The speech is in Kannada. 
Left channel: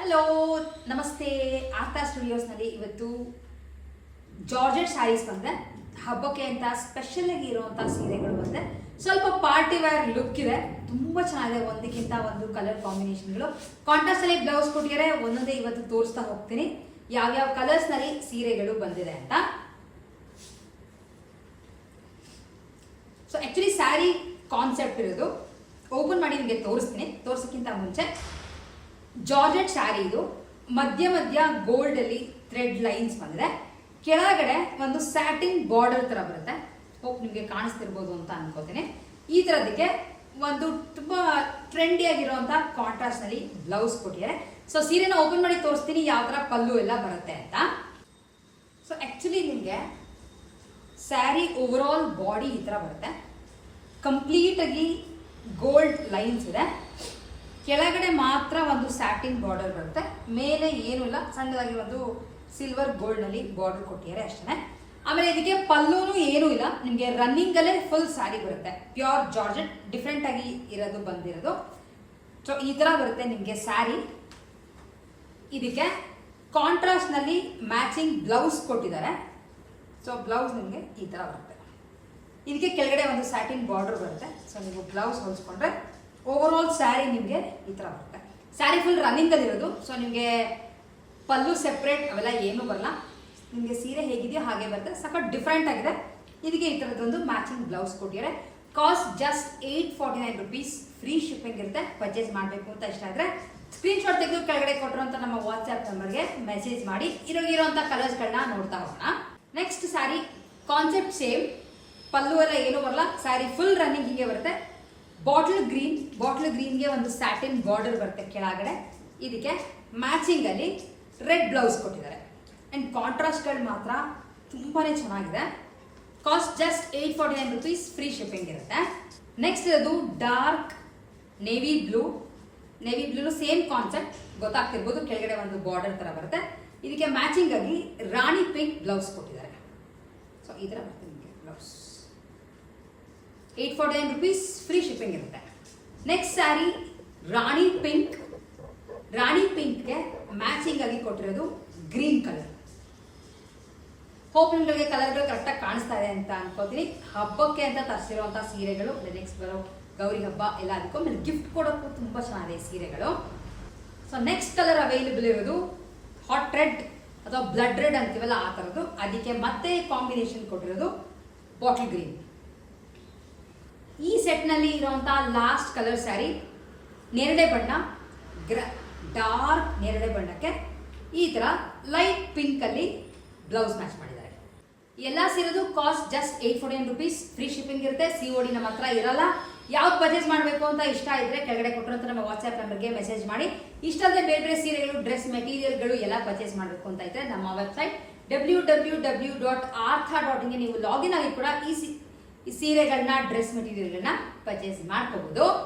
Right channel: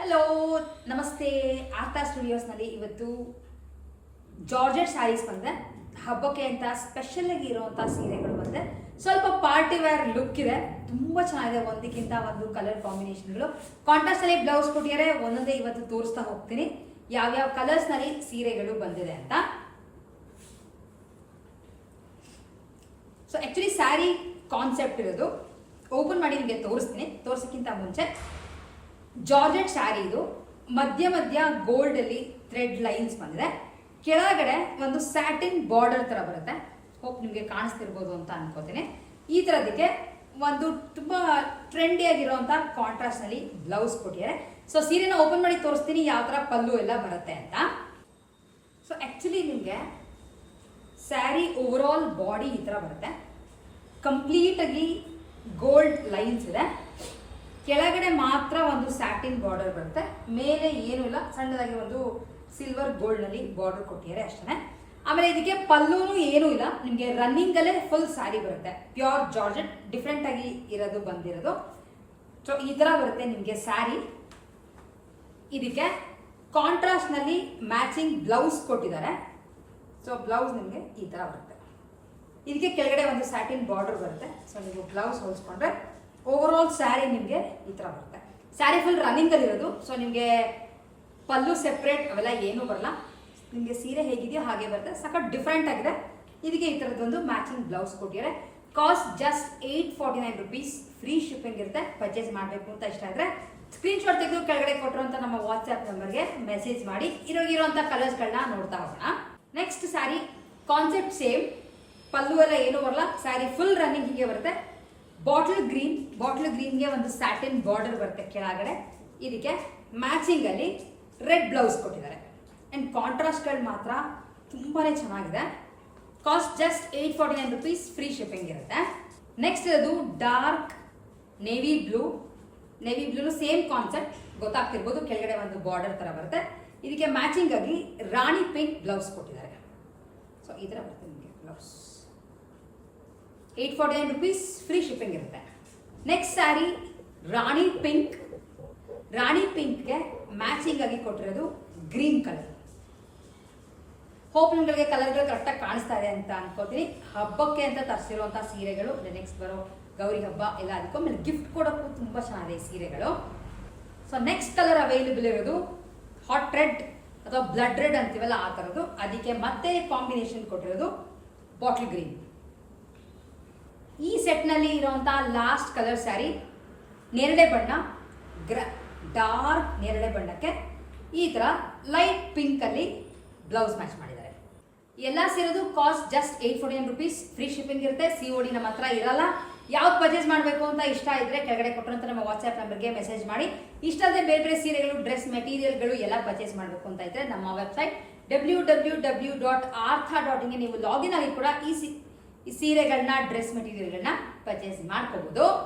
ಹಲೋ ನಮಸ್ತೆ. ಆರ್ತಾ ಸ್ಟುಡಿಯೋಸ್ನಲ್ಲಿ ಇವತ್ತು ಜಾರ್ಜೆಟ್ ಸ್ಯಾರೀಸ್ ಬಂದೆ. ಹಬ್ಬಕ್ಕೆ ಅಂತ ಸ್ಪೆಷಲ್ ಆಗಿ ಇರುವಂತಹ ಸೀರೆಗಳು ಬಂದೆ. ಸ್ವಲ್ಪ ಪಾರ್ಟಿ ವೇರ್ ಲುಕ್ ಇದೆ, ತುಂಬಾ ಚೆನ್ನಾಗಿದೆ. ಒಂದಕ್ಕಿಂತ ಒಂದು ಕಲರ್ ಕಾಂಬಿನೇಷನ್ಗಳು, ಕಾಂಟ್ರಾಸ್ಟ್ ಅಲ್ಲಿ ಬ್ಲೌಸ್ ಕೊಟ್ಟಿದ್ದಾರೆ. ಒಂದೊಂದೇ ಇವತ್ತು ತೋರಿಸ್ತಾ ಹೋಗ್ತೀನಿ ಯಾವ್ಯಾವ ಕಲರ್ಸ್ ನಲ್ಲಿ ಸೀರೆಗಳು ಬಂದಿದೆ ಅಂತ. ಸೊ ಆಕ್ಚುಲಿ ಸ್ಯಾರಿ ಕಾನ್ಸೆಪ್ಟ್ ಇರೋದು ಓಪನ್ ಮಾಡಿ ನಿಮಗೆ ತೋರಿಸ್ತೀನಿ. ತೋರ್ಸಕ್ಕಿಂತ ಮುಂಚೆ ಜಾರ್ಜೆಟ್ ಸ್ಯಾರಿ ಇದು ಮಧ್ಯ ಮಧ್ಯ ಗೋಲ್ಡ್ ಅಲ್ಲಿ ಥ್ರೆಡ್ ಲೈನ್ಸ್ ಬಂದಿದೆ. ಕೆಳಗಡೆ ಒಂದು ಸ್ಯಾಟಿನ್ ಬಾರ್ಡರ್ ತರ ಬರುತ್ತೆ. ಹೋಪ್ ನಿಮಗೆ ಕಾಣಿಸ್ತಿರ್ಬೋದು ಅಂತ ಅನ್ಕೋತೀನಿ. ಈ ತರದಕ್ಕೆ ಒಂದು ತುಂಬಾ ಟ್ರೆಂಡಿ ಆಗಿರುವಂತಹ ಕಾಂಟ್ರಾಸ್ಟ್ ನಲ್ಲಿ ಬ್ಲೌಸ್ ಕೊಟ್ಟಿದ್ದಾರೆ. ಸೊ ಸೀರೆನ ಓಪನ್ ಮಾಡಿ ತೋರಿಸ್ತೀನಿ ಯಾವ ತರ ಪಲ್ಲು ಎಲ್ಲ ಬರುತ್ತೆ ಅಂತ. ಸೊ ಆಕ್ಚುಲಿ ನಿಮಗೆ ಸ್ಯಾರಿ ಓವರ್ ಆಲ್ ಬಾಡಿ ಈ ತರ ಬರುತ್ತೆ. ಕಂಪ್ಲೀಟ್ ಆಗಿ ಗೋಲ್ಡ್ ಲೈನ್ಸ್ ಇದೆ. ಕೆಳಗಡೆ ಮಾತ್ರ ಒಂದು ಸ್ಯಾಟಿನ್ ಬಾರ್ಡರ್ ಬರುತ್ತೆ, ಮೇಲೆ ಏನೂ ಇಲ್ಲ. ಸಣ್ಣದಾಗಿ ಒಂದು ಸಿಲ್ವರ್ ಗೋಲ್ಡ್ ನಲ್ಲಿ ಬಾರ್ಡರ್ ಕೊಟ್ಟಿದ್ದಾರೆ ಅಷ್ಟೇ. ಆಮೇಲೆ ಇದಕ್ಕೆ ಪಲ್ಲೂನು ಏನೂ ಇಲ್ಲ. ನಿಮಗೆ ರನ್ನಿಂಗ್ ಅಲ್ಲೇ ಫುಲ್ ಸ್ಯಾರಿ ಬರುತ್ತೆ. ಪ್ಯೂರ್ ಜಾರ್ಜೆಟ್ ಡಿಫ್ರೆಂಟ್ ಆಗಿ ಇರೋದು ಬಂದಿರೋದು. ಸೊ ಈ ತರ ಬರುತ್ತೆ ನಿಮಗೆ ಸ್ಯಾರಿ. ಇದಕ್ಕೆ ಕಾಂಟ್ರಾಸ್ಟ್ ನಲ್ಲಿ ಮ್ಯಾಚಿಂಗ್ ಬ್ಲೌಸ್ ಕೊಟ್ಟಿದ್ದಾರೆ. ಸೊ ಬ್ಲೌಸ್ ನಿಮಗೆ ಈ ತರ ಬರುತ್ತೆ. ಇದಕ್ಕೆ ಕೆಳಗಡೆ ಒಂದು ಸ್ಯಾಟಿನ್ ಬಾರ್ಡರ್ ಬರುತ್ತೆ. ಸೊ ನೀವು ಬ್ಲೌಸ್ ಹೊಲಿಸ್ಕೊಂಡ್ರೆ ಓವರ್ ಆಲ್ ಸ್ಯಾರಿ ನಿಮಗೆ ಈ ತರ ಬರುತ್ತೆ. ಸ್ಯಾರಿ ಫುಲ್ ರನ್ನಿಂಗ್ ಅಲ್ಲಿ ಇರೋದು. ಸೊ ನಿಮಗೆ ಪಲ್ಲು ಸೆಪ್ರೇಟ್ ಅವೆಲ್ಲ ಏನೂ ಬರಲ್ಲ. ನಿಮಗೆ ಸೀರೆ ಹೇಗಿದೆಯೋ ಹಾಗೆ ಬರುತ್ತೆ. ಸಖತ್ ಡಿಫ್ರೆಂಟ್ ಆಗಿದೆ. ಇದಕ್ಕೆ ಈ ತರದೊಂದು ಮ್ಯಾಚಿಂಗ್ ಬ್ಲೌಸ್ ಕೊಟ್ಟಿದ್ದಾರೆ. Cost just 849 rupees. Free shipping ಇರುತ್ತೆ. ಪರ್ಚೇಸ್ ಮಾಡಬೇಕು ಅಂತ ಇಷ್ಟ ಇದ್ರೆ ಸ್ಕ್ರೀನ್ ಶಾಟ್ ತೆಗೆದು ಕೆಳಗಡೆ ಕೊಟ್ಟಿರುವಂತ ನಮ್ಮ ವಾಟ್ಸ್ಆಪ್ ನಂಬರ್ಗೆ ಮೆಸೇಜ್ ಮಾಡಿ ಇರೋಂಥ ಕಲರ್ಸ್ಗಳನ್ನ ನೋಡ್ತಾ ಹೋಗೋಣ. ನೆಕ್ಸ್ಟ್ ಸ್ಯಾರಿ ಕಾನ್ಸೆಪ್ಟ್ ಸೇಮ್, ಪಲ್ಲು ಎಲ್ಲ ಏನೂ ಬರಲ್ಲ. ಸ್ಯಾರಿ ಫುಲ್ ರನ್ನಿಂಗ್ ಹೀಗೆ ಬರುತ್ತೆ. ಬಾಟಲ್ ಗ್ರೀನ್ಗೆ ಒಂದು ಸ್ಯಾಟಿನ್ ಬಾರ್ಡರ್ ಬರುತ್ತೆ ಕೆಳಗಡೆ. ಇದಕ್ಕೆ ಮ್ಯಾಚಿಂಗ್ ಅಲ್ಲಿ ರೆಡ್ ಬ್ಲೌಸ್ ಕೊಟ್ಟಿದ್ದಾರೆ. ಅಂಡ್ ಕಾಂಟ್ರಾಸ್ಟ್ಗಳು ಮಾತ್ರ ತುಂಬಾನೇ ಚೆನ್ನಾಗಿದೆ. Cost just 849 rupees. Free shipping ಇರುತ್ತೆ. ನೆಕ್ಸ್ಟ್ ಅದು dark navy blue same concept ಗೊತ್ತಾಗ್ತಿರ್ಬೋದು. ಕೆಳಗಡೆ ಒಂದು ಬಾರ್ಡರ್ ತರ ಬರುತ್ತೆ. ಇದಕ್ಕೆ ಮ್ಯಾಚಿಂಗ್ ಆಗಿ ರಾಣಿ ಪಿಂಕ್ ಬ್ಲೌಸ್ ಕೊಟ್ಟಿದ್ದಾರೆ. ಸೊ ಈ ತರ ಬರುತ್ತೆ ನಿಮಗೆ ಬ್ಲೌಸ್. 849 rupees. ಫ್ರೀ ಶಿಪ್ಪಿಂಗ್ ಇರುತ್ತೆ. ನೆಕ್ಸ್ಟ್ ಸ್ಯಾರಿ ರಾಣಿ ಪಿಂಕ್ಗೆ ಮ್ಯಾಚಿಂಗ್ ಆಗಿ ಕೊಟ್ಟಿರೋದು ಗ್ರೀನ್ ಕಲರ್. ಹೋಪ್ ನಿಮಗೆ ಕಲರ್ಗಳು ಕರೆಕ್ಟಾಗಿ ಕಾಣಿಸ್ತಾ ಇದೆ ಅಂತ ಅನ್ಕೋತೀನಿ. ಹಬ್ಬಕ್ಕೆ ಅಂತ ತರಿಸಿರುವಂತಹ ಸೀರೆಗಳು, ನೆಕ್ಸ್ಟ್ ಬರೋ ಗೌರಿ ಹಬ್ಬ ಎಲ್ಲ ಅದಕ್ಕೂ ಆಮೇಲೆ ಗಿಫ್ಟ್ ಕೊಡೋಕ್ಕೂ ತುಂಬಾ ಚೆನ್ನಾಗಿದೆ ಈ ಸೀರೆಗಳು. ಸೊ ನೆಕ್ಸ್ಟ್ ಕಲರ್ ಅವೈಲೇಬಲ್ ಇರೋದು ಹಾಟ್ ರೆಡ್ ಅಥವಾ ಬ್ಲಡ್ ರೆಡ್ ಅಂತೀವಲ್ಲ ಆ ಥರದ್ದು. ಅದಕ್ಕೆ ಮತ್ತೆ ಕಾಂಬಿನೇಷನ್ ಕೊಟ್ಟಿರೋದು ಬಾಟಲ್ ಗ್ರೀನ್. ಈ ಸೆಟ್ನಲ್ಲಿ ಇರುವಂತಹ ಲಾಸ್ಟ್ ಕಲರ್ ಸ್ಯಾರಿ ನೇರಳೆ ಬಣ್ಣ, ಡಾರ್ಕ್ ನೇರಳೆ ಬಣ್ಣಕ್ಕೆ ಈ ತರ ಲೈಟ್ ಪಿಂಕ್ ಅಲ್ಲಿ ಬ್ಲೌಸ್ ಮ್ಯಾಚ್ ಮಾಡಿದ್ದಾರೆ. ಎಲ್ಲ ಸೇರೋದು cost just 849 rupees. Free shipping ಇರುತ್ತೆ. COD ನಮ್ಮ ಹತ್ರ ಇರಲ್ಲ. ಯಾವ್ದು ಪರ್ಚೇಸ್ ಮಾಡಬೇಕು ಅಂತ ಇಷ್ಟ ಇದ್ರೆ ಕೆಳಗಡೆ ಕೊಟ್ಟಿರುವಂತ ನಮ್ಮ ವಾಟ್ಸ್ಆಪ್ ನಂಬರ್ಗೆ ಮೆಸೇಜ್ ಮಾಡಿ. ಇಷ್ಟ ಅಲ್ಲದೆ ಬೇರೆ ಸೀರೆಗಳು, ಡ್ರೆಸ್ ಮೆಟೀರಿಯಲ್ಗಳು ಎಲ್ಲ ಪರ್ಚೇಸ್ ಮಾಡಬೇಕು ಅಂತ ಇದ್ರೆ ನಮ್ಮ ವೆಬ್ಸೈಟ್ www.artha.in ನೀವು ಲಾಗಿನ್ ಆಗಿ ಕೂಡ ಈ ಸೀರೆಗಳನ್ನ, ಡ್ರೆಸ್ ಮೆಟೀರಿಯಲ್ಗಳನ್ನ ಪರ್ಚೇಸ್ ಮಾಡ್ಕೋಬಹುದು.